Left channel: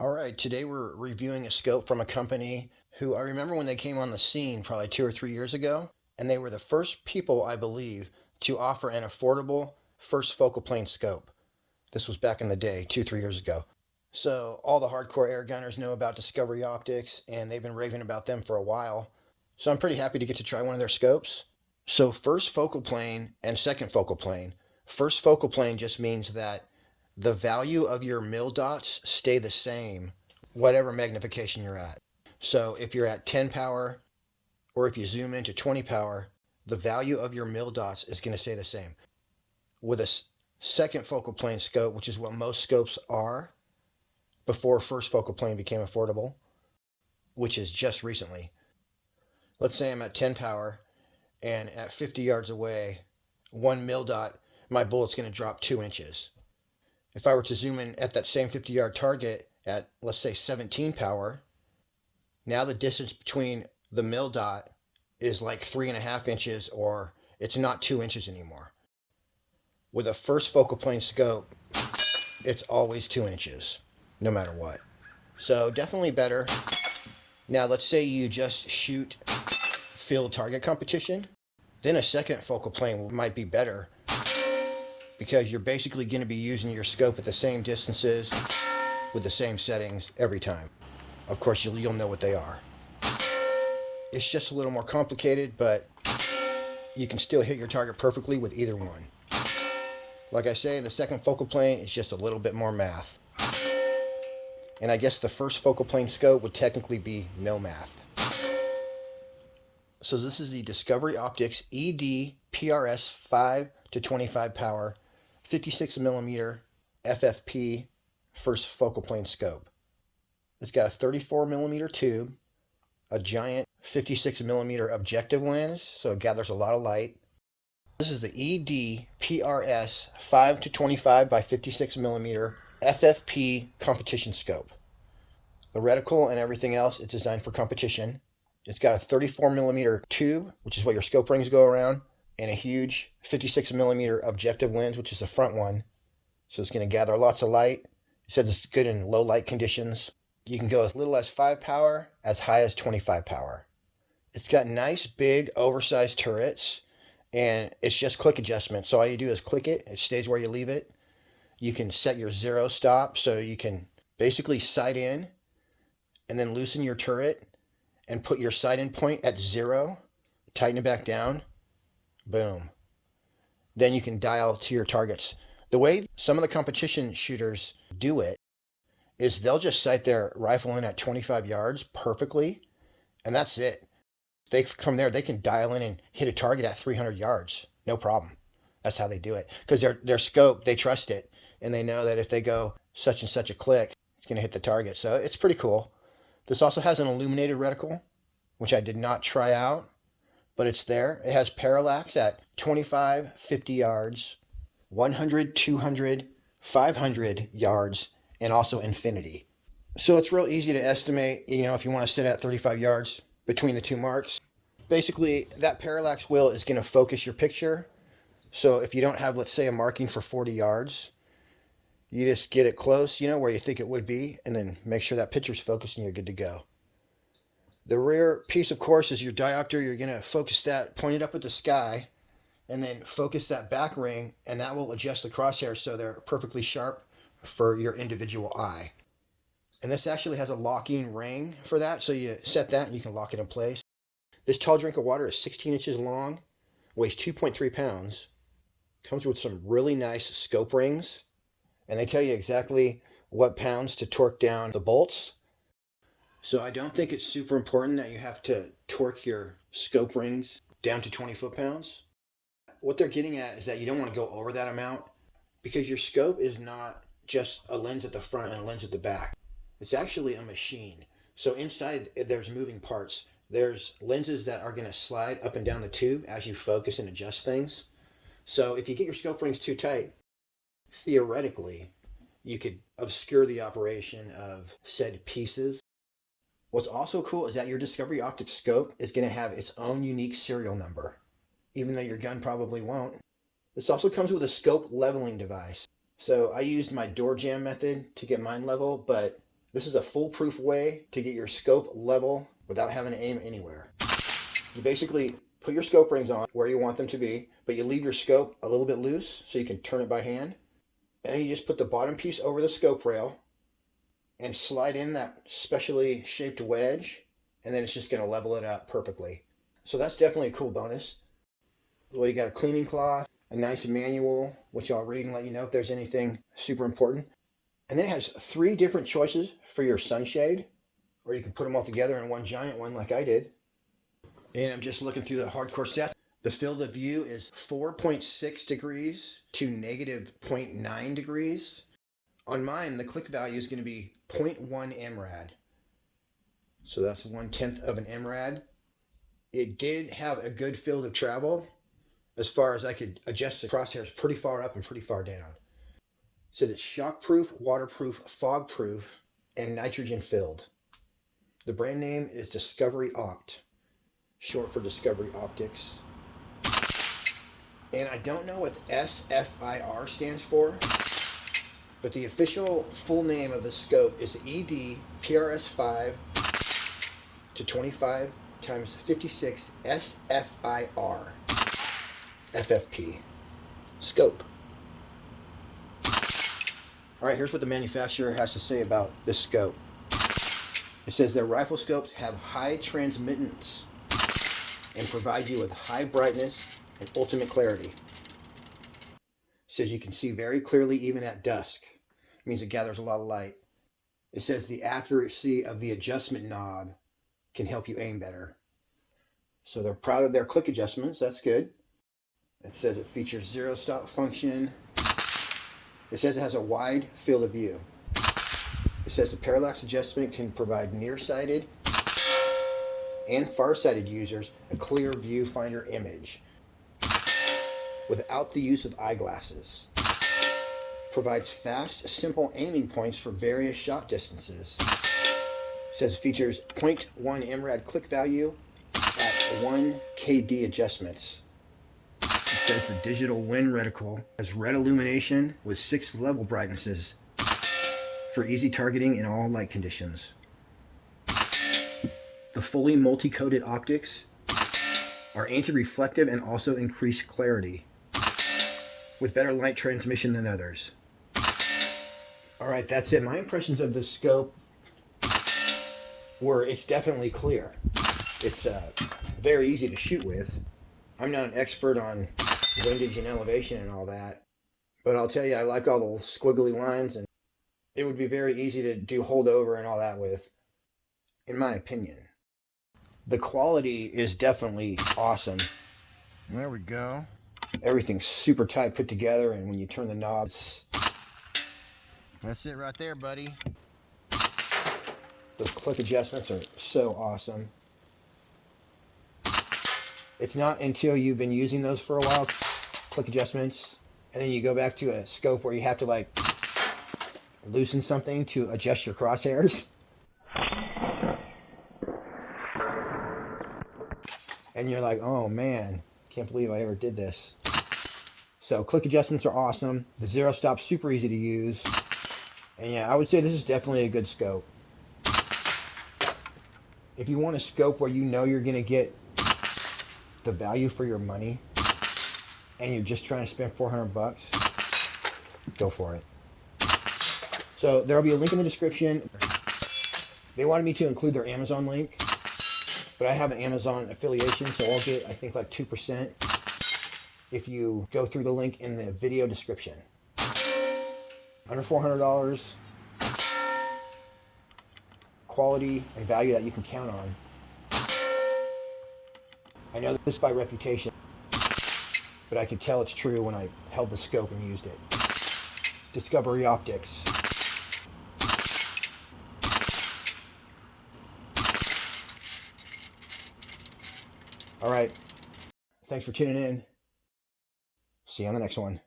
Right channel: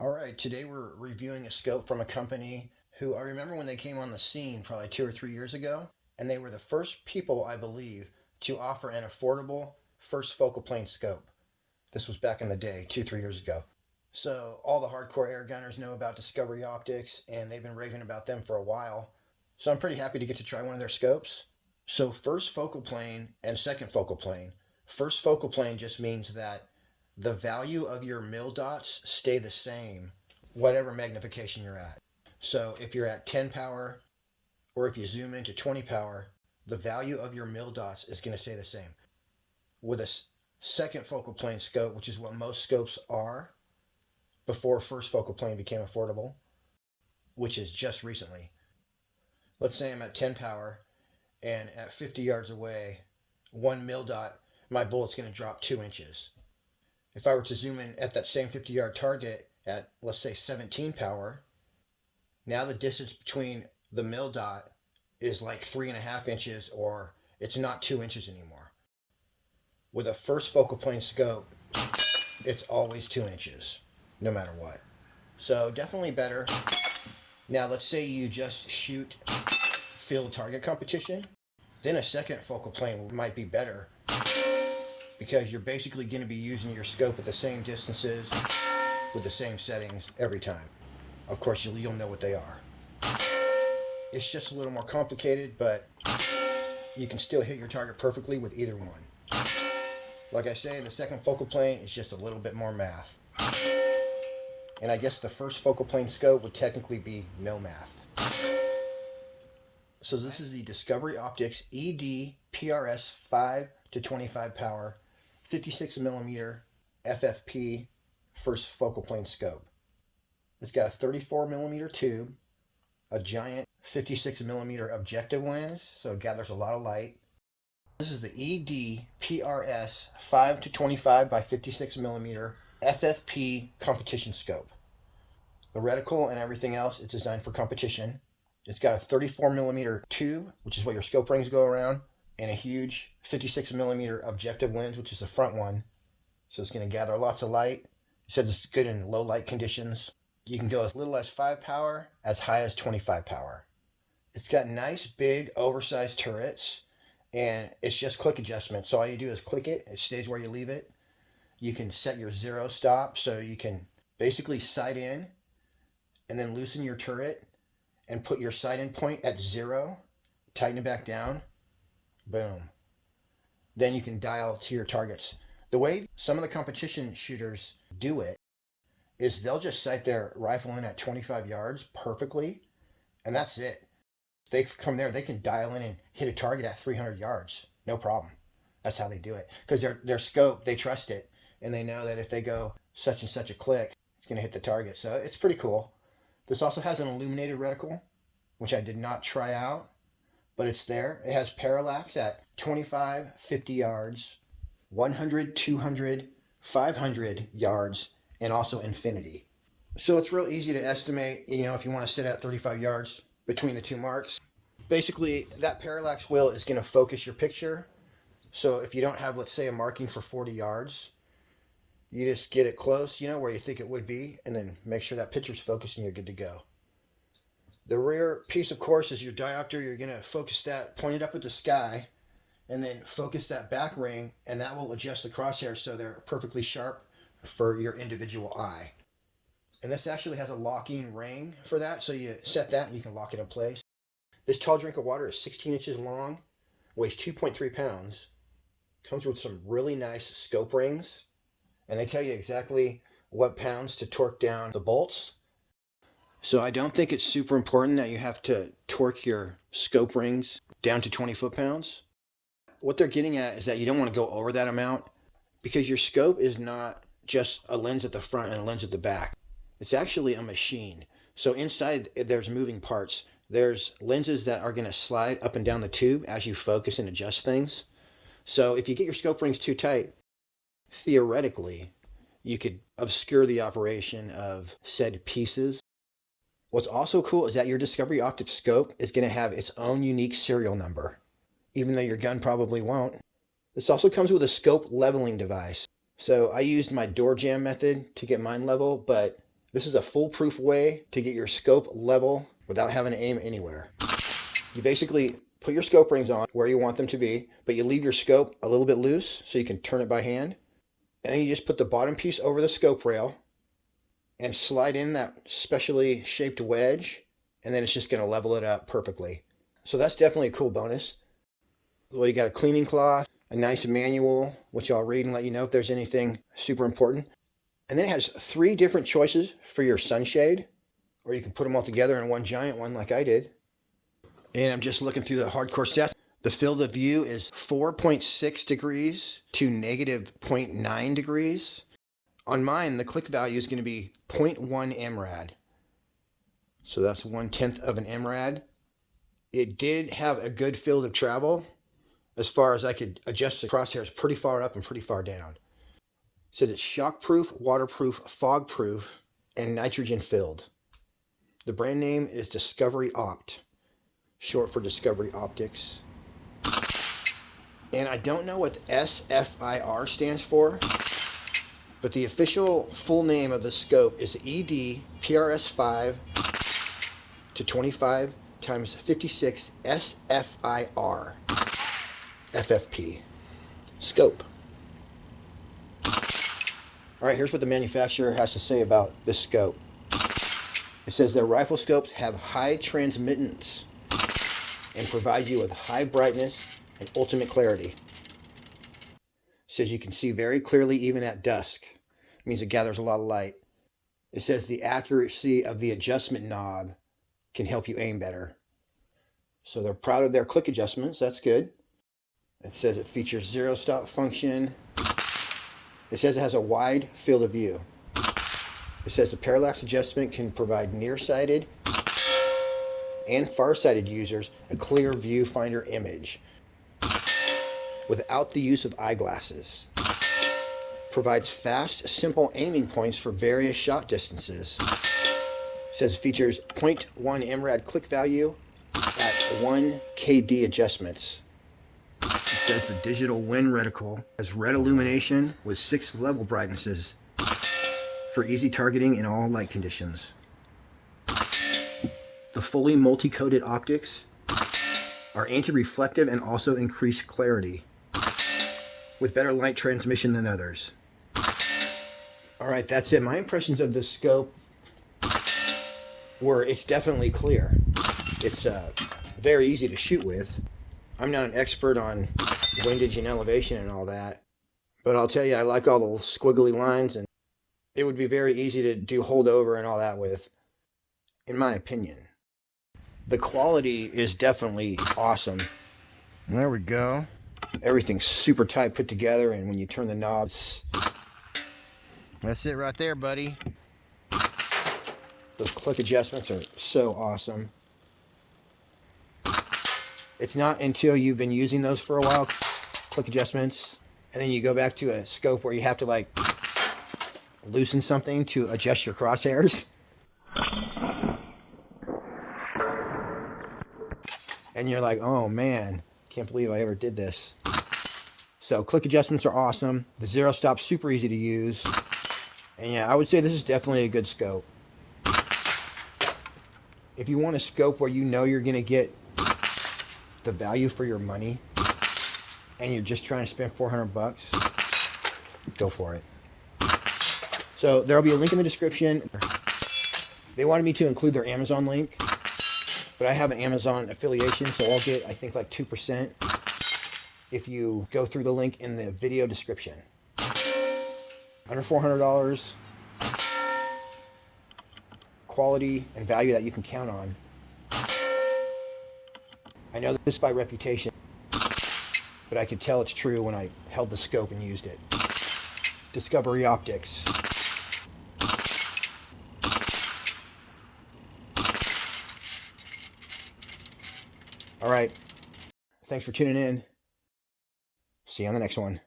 All right, today we're reviewing a scope from a company who I remember when they came on the scene probably 2 or 3 years ago, and they were the first people, I believe, to offer an affordable first focal plane scope. This was back in the day, 2, 3 years ago. So all the hardcore air gunners know about Discovery Optics, and they've been raving about them for a while. So I'm pretty happy to get to try one of their scopes. So first focal plane and second focal plane. First focal plane just means that the value of your mil dots stay the same, whatever magnification you're at. So if you're at 10 power, or if you zoom into 20 power, the value of your mil dots is going to stay the same. With a second focal plane scope, which is what most scopes are, before first focal plane became affordable, which is just recently. Let's say I'm at 10 power, and at 50 yards away, 1 mil dot, my bullet's going to drop 2 inches. If I were to zoom in at that same 50-yard target at, let's say, 17 power, now the distance between the mil dot is like 3.5 inches, or it's not 2 inches anymore. With a first focal plane scope, it's always 2 inches, no matter what. So definitely better. Now let's say you just shoot field target competition, then a second focal plane might be better, because you're basically going to be using your scope at the same distances with the same settings every time. Of course, you'll know what they are. It's just a little more complicated, but you can still hit your target perfectly with either one. Like I say, the second focal plane is just a little bit more math. And I guess the first focal plane scope would technically be no math. So this is the Discovery Optics ED-PRS 5 to 25 power 56 millimeter FFP first focal plane scope. It's got a 34 millimeter tube, a giant 56 millimeter objective lens, so it gathers a lot of light. This is the ED-PRS 5 to 25 by 56 millimeter FFP competition scope. The reticle and everything else is designed for competition. It's got a 34 millimeter tube, which is what your scope rings go around, and a huge 56 millimeter objective lens, which is the front one. So it's going to gather lots of light. It says it's good in low light conditions. You can go as little as 5 power, as high as 25 power. It's got nice, big, oversized turrets, and it's just click adjustment. So all you do is click it. It stays where you leave it. You can set your zero stop, so you can basically sight in and then loosen your turret and put your sight in point at 0, tighten it back down, boom. Then you can dial to your targets. The way some of the competition shooters do it is they'll just sight their rifle in at 25 yards perfectly, and that's it. From there, they can dial in and hit a target at 300 yards, no problem. That's how they do it. Because their scope, they trust it, and they know that if they go such and such a click, it's going to hit the target. So it's pretty cool. This also has an illuminated reticle, which I did not try out, but it's there. It has parallax at 25, 50 yards, 100, 200, 500 yards, and also infinity. So it's real easy to estimate, if you want to sit at 35 yards between the two marks. Basically, that parallax wheel is going to focus your picture. So if you don't have, let's say, a marking for 40 yards, you just get it close, where you think it would be, and then make sure that picture's focused and you're good to go. The rear piece, of course, is your diopter. You're going to focus that, point it up at the sky, and then focus that back ring, and that will adjust the crosshairs so they're perfectly sharp for your individual eye. And this actually has a locking ring for that, so you set that and you can lock it in place. This tall drink of water is 16 inches long, weighs 2.3 pounds, comes with some really nice scope rings, and they tell you exactly what pounds to torque down the bolts. So I don't think it's super important that you have to torque your scope rings down to 20 foot-pounds. What they're getting at is that you don't want to go over that amount, because your scope is not just a lens at the front and a lens at the back. It's actually a machine. So inside there's moving parts. There's lenses that are going to slide up and down the tube as you focus and adjust things. So if you get your scope rings too tight, theoretically, you could obscure the operation of said pieces. What's also cool is that your Discovery Optics scope is going to have its own unique serial number, even though your gun probably won't. This also comes with a scope leveling device. So I used my door jam method to get mine level, but This is a foolproof way to get your scope level without having to aim anywhere. You basically put your scope rings on where you want them to be, but you leave your scope a little bit loose so you can turn it by hand. And then you just put the bottom piece over the scope rail and slide in that specially shaped wedge, and then it's just going to level it up perfectly. So that's definitely a cool bonus. Well, you got a cleaning cloth, a nice manual, which I'll read and let you know if there's anything super important. And then it has 3 different choices for your sunshade, or you can put them all together in one giant one like I did. And I'm just looking through the hardcore stats. The field of view is 4.6 degrees to negative 0.9 degrees. On mine, the click value is going to be 0.1 MRAD. So that's 1/10 of an MRAD. It did have a good field of travel as far as I could adjust the crosshairs pretty far up and pretty far down. It said it's shockproof, waterproof, fogproof, and nitrogen filled. The brand name is Discovery Opt, short for Discovery Optics. And I don't know what SFIR stands for, but the official full name of the scope is ED-PRS 5 to 25 times 56 SFIR FFP scope. All right, here's what the manufacturer has to say about this scope. It says their rifle scopes have high transmittance and provide you with high brightness and ultimate clarity. It says you can see very clearly even at dusk. It means it gathers a lot of light. It says the accuracy of the adjustment knob can help you aim better. So they're proud of their click adjustments. That's good. It says it features zero stop function. It says it has a wide field of view. It says the parallax adjustment can provide nearsighted and farsighted users a clear viewfinder image without the use of eyeglasses. Provides fast, simple aiming points for various shot distances. It says features 0.1 MRAD click value at 1 KD adjustments. It says the digital wind reticle has red illumination with 6 level brightnesses for easy targeting in all light conditions. The fully multi-coated optics are anti-reflective and also increase clarity with better light transmission than others. All right, that's it. My impressions of this scope were it's definitely clear. It's very easy to shoot with. I'm not an expert on windage and elevation and all that, but I'll tell you, I like all the squiggly lines, and it would be very easy to do holdover and all that with, in my opinion. The quality is definitely awesome. There we go. Everything's super tight put together, and when you turn the knobs, that's it right there, buddy. Those click adjustments are so awesome. It's not until you've been using those for a while, click adjustments, and then you go back to a scope where you have to like loosen something to adjust your crosshairs. And you're like, oh man, can't believe I ever did this. So click adjustments are awesome. The zero stop's super easy to use. And yeah, I would say this is definitely a good scope. If you want a scope where you know you're going to get the value for your money and you're just trying to spend $400, go for it. So there'll be a link in the description. They wanted me to include their Amazon link, but I have an Amazon affiliation, so I'll get, I think, like 2% if you go through the link in the video description. Under $400, quality and value that you can count on. I know this by reputation, but I could tell it's true when I held the scope and used it. Discovery Optics. All right. Thanks for tuning in. See you on the next one.